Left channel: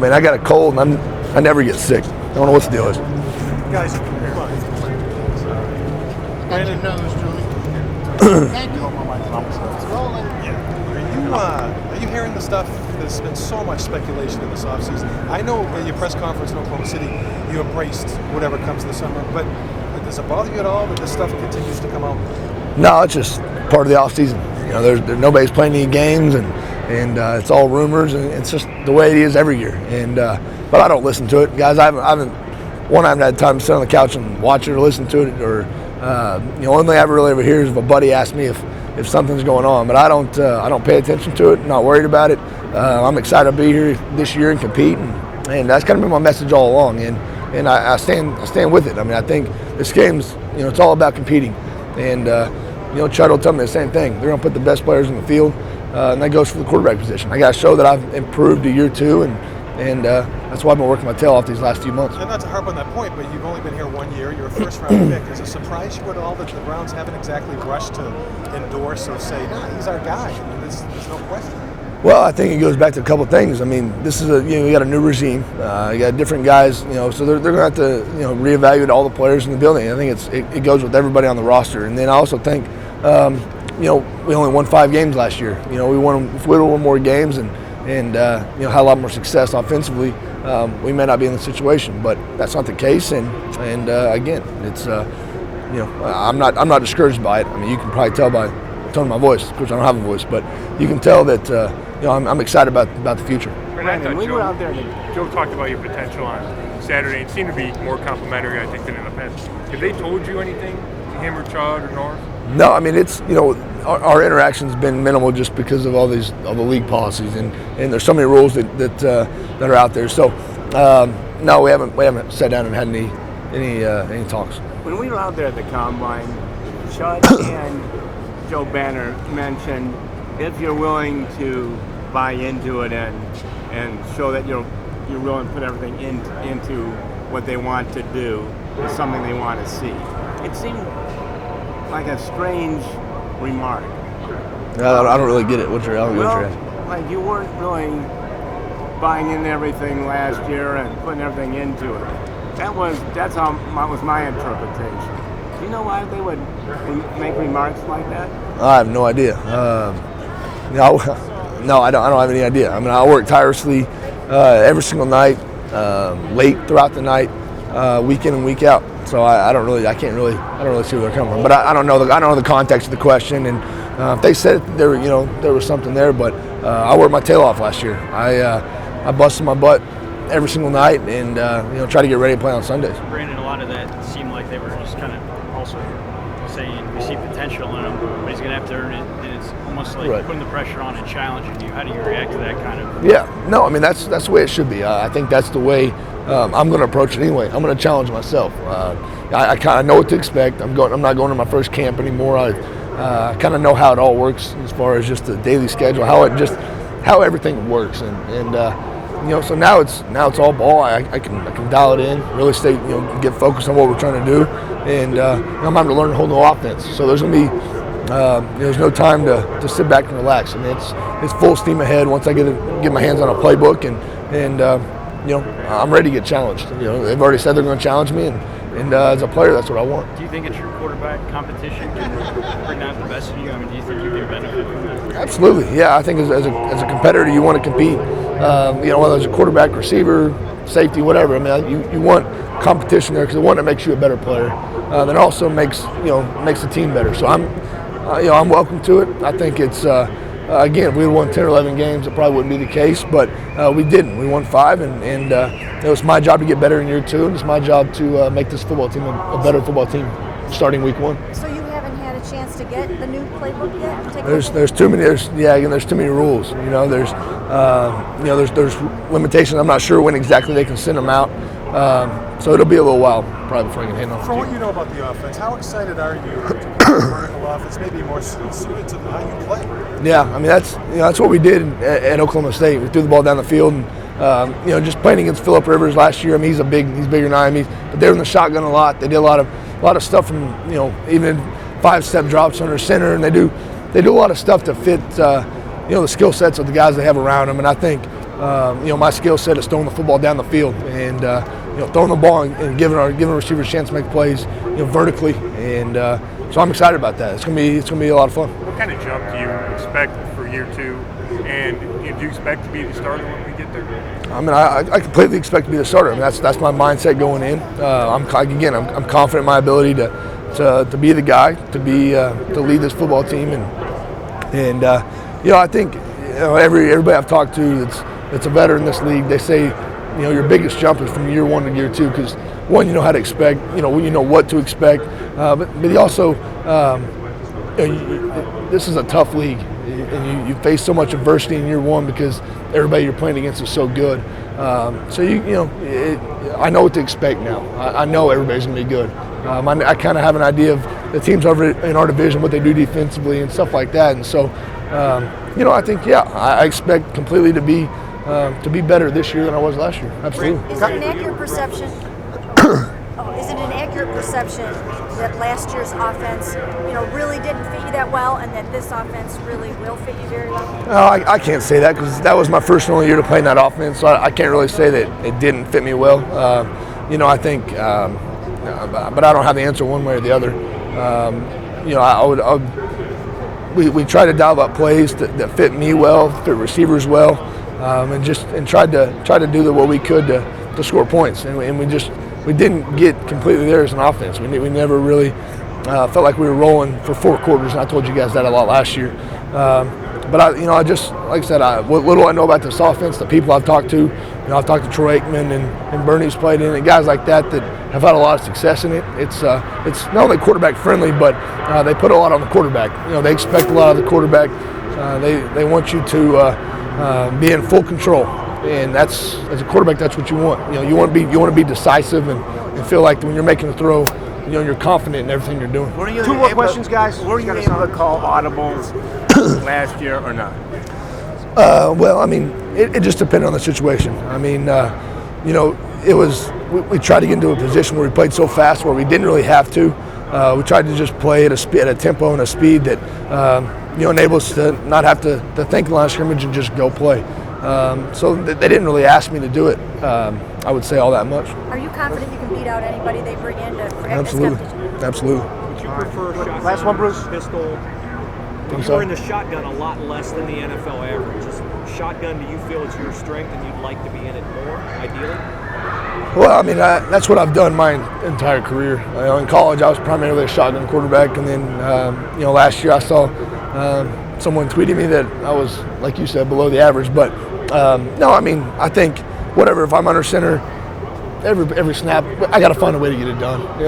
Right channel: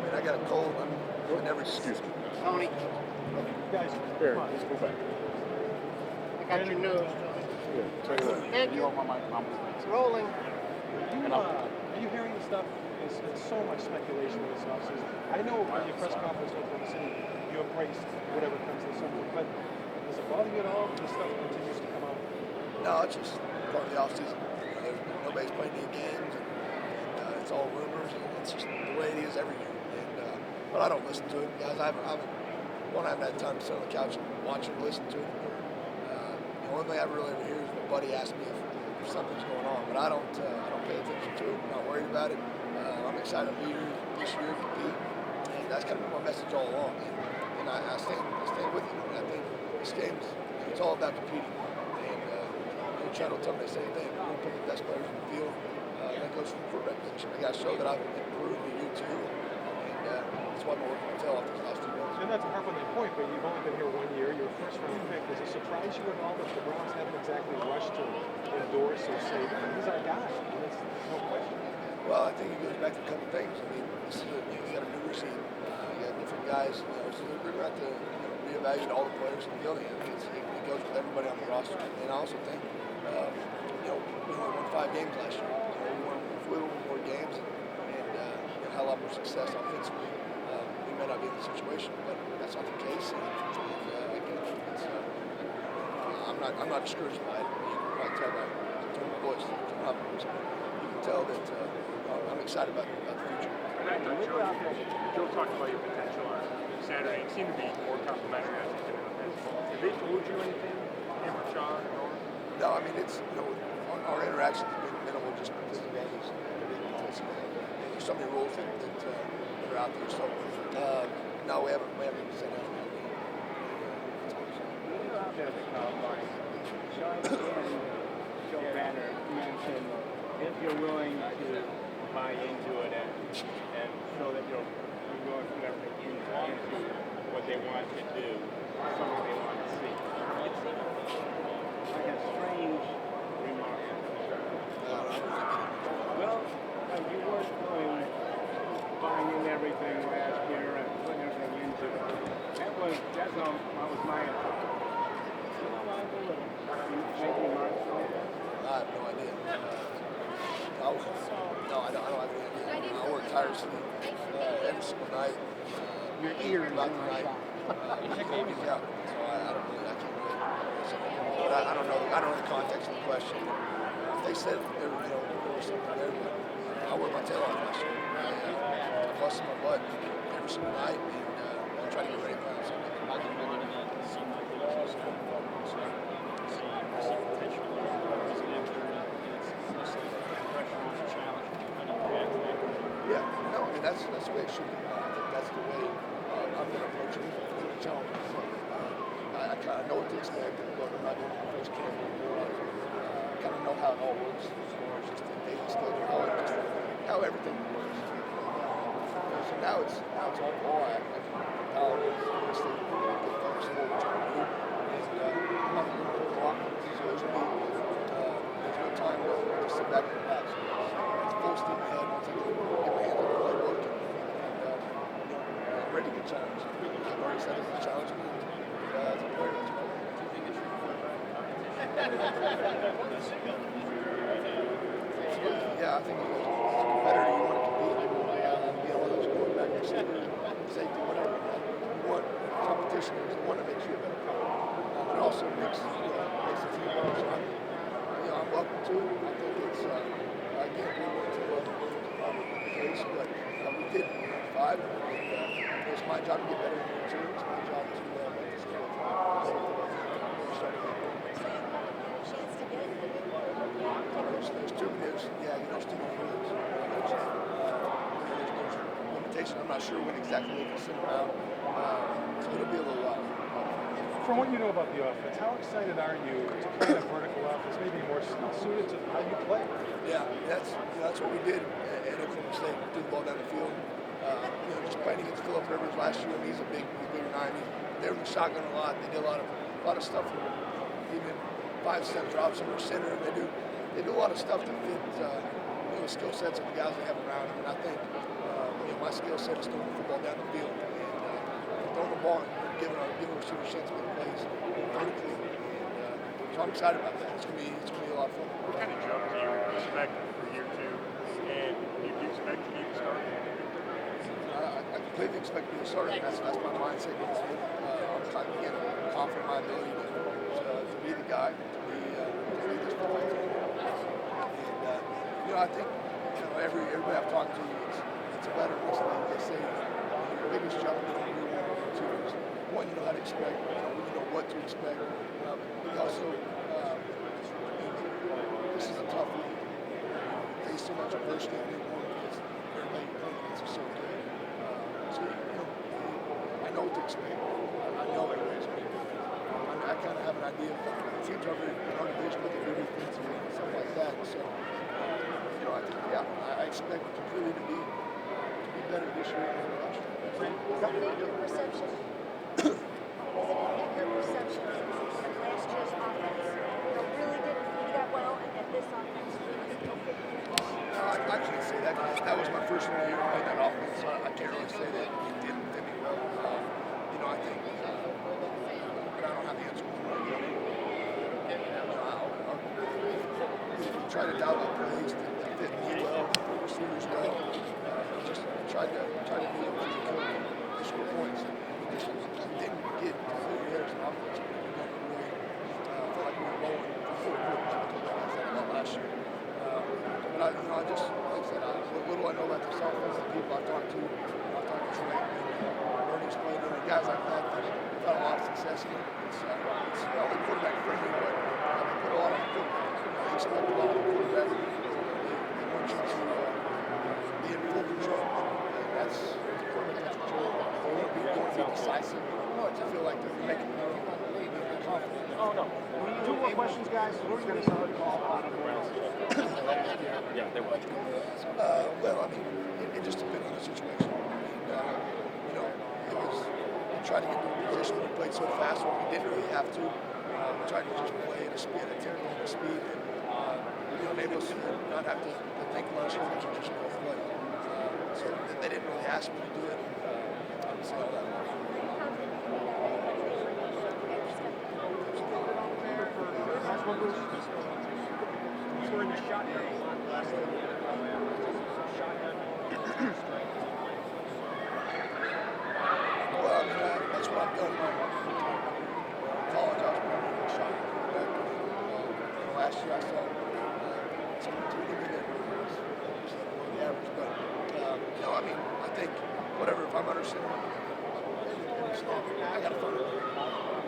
Man, I got a cold and I never get sick. I don't know what the deal is. Guys, come on. Brandon knows, Julie. Thank you. It's rolling. Yeah. Are you hearing the stuff? There's been so much speculation in this offseason. I know at your press conference in Oklahoma City, you embraced whatever comes this summer, but does it bother you at all that this stuff continues to come out? No, it's just part of the offseason. You know, there's nobody's playing any games, and it's all rumors, and it's just the way it is every year. And but I don't listen to it, guys. I haven't had time to sit on the couch and watch it or listen to it, or the only thing I really ever hear is if a buddy asks me if something's going on. But I don't pay attention to it. I'm not worried about it. I'm excited to be here this year and compete, and that's kind of been my message all along. And I stand with it. I mean, I think this game's, it's all about competing. And Chud will tell me the same thing. They're going to put the best players in the field, and that goes for the quarterback position. I got to show that I've improved a year two, and that's why I've been working my tail off these last few months. And not to harp on that point, but you've only been here 1 year. You're a first-round pick. Does it surprise you at all that the Browns haven't exactly rushed to endorse or say, no, he's our guy? I mean, there's no question. Well, I think it goes back to a couple of things. I mean, this is you got a new regime. You got different guys, so they're going to have to, reevaluate all the players in the building. I think it goes with everybody on the roster. And then I also think, we only won 5 games last year. If we won more games and had a lot more success offensively, we may not be in the situation. But that's not the case. And again, it's I'm not discouraged by it. I mean, you can probably tell by the tone of my voice. Of course, I don't have a voice, but you can tell that I'm excited about the future. Brandon, we were out there. Joe talked about your potential on Saturday. It seemed to be more complimentary, I think, than in the past. Have they told you anything, him or Chud or North? No, I mean, it's our interaction's been minimal just because of all the league policies and there's so many rules that are out there. So no, we haven't sat down and had any talks. When we were out there at the combine, Chud and Joe Banner mentioned if you're willing to buy into it and show that you're willing to put everything into what they want to do, is something they want to see. It seemed like a strange remark. I don't really get it. What's your answer? Like you weren't really buying into everything last year and putting everything into it. That's how was my interpretation. Do you know why they would make remarks like that? I have no idea. No, I don't have any idea. I mean, I work tirelessly every single night, late throughout the night, week in and week out. So I don't really see where they're coming from. But I don't know the context of the question. And if they said it, there was something there. But I worked my tail off last year. I busted my butt every single night and try to get ready to play on Sundays. Brandon, a lot of that seemed like they were just kind of also saying we see potential in him, but he's going to have to earn it, and it's almost like right. Putting the pressure on and challenging you. How do you react to that kind of? Yeah, no, I mean that's the way it should be. I think that's the way I'm going to approach it anyway. I'm going to challenge myself. I kind of know what to expect. I'm not going to my first camp anymore. I kind of know how it all works as far as just the daily schedule, how everything works, so now it's all ball. I can dial it in, really stay, get focused on what we're trying to do, and I'm having to learn a whole new offense. So there's gonna be there's no time to sit back and relax. I mean, it's full steam ahead once I get my hands on a playbook, and I'm ready to get challenged. They've already said they're going to challenge me, and as a player, that's what I want. Do you think it's your quarterback competition can bring out the best in you? I mean, do you think you can benefit from that? Absolutely, yeah. I think as a competitor, you want to compete. Whether it's a quarterback, receiver, safety, whatever. I mean, you want competition there because one, it makes you a better player. That also makes the team better. So I'm welcome to it. I think it's again, if we had won 10 or 11 games, it probably wouldn't be the case. But we didn't. We won 5, and it's my job to get better in year 2, and it's my job to make this football team a better football team starting week 1. So you haven't had a chance to get the new playbook yet? There's too many. There's too many rules. There's limitations. I'm not sure when exactly they can send them out. So it'll be a little while probably before I can handle it. From what you know about the offense, how excited are you to play a vertical offense, maybe more suited to how you play? Yeah, I mean that's what we did at Oklahoma State. We threw the ball down the field, and just playing against Phillip Rivers last year. I mean, he's bigger than I am. But they were in the shotgun a lot. They did a lot of stuff from even 5-step drops under center, and they do a lot of stuff to fit the skill sets of the guys they have around them. And I think my skill set is throwing the football down the field and throwing the ball and giving receivers a chance to make plays, vertically. And so I'm excited about that. It's gonna be a lot of fun. What kind of jump do you expect for year 2? And do you expect to be the starter when we get there? I mean, I completely expect to be the starter. I mean, that's my mindset going in. I'm confident in my ability to be the guy, to lead this football team, and I think everybody I've talked to that's a veteran in this league, they say your biggest jump is from year 1 to year 2 because one, you know how to expect, you know what to expect, but you also this is a tough league, and you face so much adversity in year 1 because everybody you're playing against is so good. So I know what to expect now. I know everybody's going to be good. I kind of have an idea of the teams over in our division, what they do defensively and stuff like that. And so, I think I expect completely to be better this year than I was last year. Absolutely. Is it an accurate perception? Is it an accurate perception that last year's offense, really didn't fit you that well, and that this offense really will fit you very well? I can't say that because that was my first and only year to play in that offense, so I can't really say that it didn't fit me well. I think, but I don't have the answer one way or the other. We tried to dial up plays that fit me well, fit receivers well, and tried to do what we could to score points, and we didn't get completely there as an offense. We never really felt like we were rolling for 4 quarters, and I told you guys that a lot last year. But I just, like I said, what little I know about this offense, the people I've talked to, I've talked to Troy Aikman and Bernie's played in it, guys like that have had a lot of success in it. It's not only quarterback friendly, but they put a lot on the quarterback. They expect a lot of the quarterback. They want you to be in full control, and as a quarterback, that's what you want. You want to be decisive and feel like when you're making a throw, you're confident in everything you're doing. Two more questions, guys. Were you able to call audibles last year or not? Well, I mean, it just depended on the situation. I mean, it was we tried to get into a position where we played so fast where we didn't really have to. We tried to just play at a tempo and a speed that enable us to not have to think the line of scrimmage and just go play. So they didn't really ask me to do it. I would say all that much. Are you confident you can beat out anybody they bring in to practice? Absolutely. Do you prefer shotgun Last one, Bruce. pistol? You were in the shotgun a lot less than the NFL average. Is shotgun, do you feel it's your strength and you'd like to be in it more, ideally? Well, I mean, that's what I've done my entire career. In college, I was primarily a shotgun quarterback, and then last year I saw someone tweeting me that I was, like you said, below the average. But no, I mean, I think whatever. If I'm under center, every snap, I got to find a way to get it done.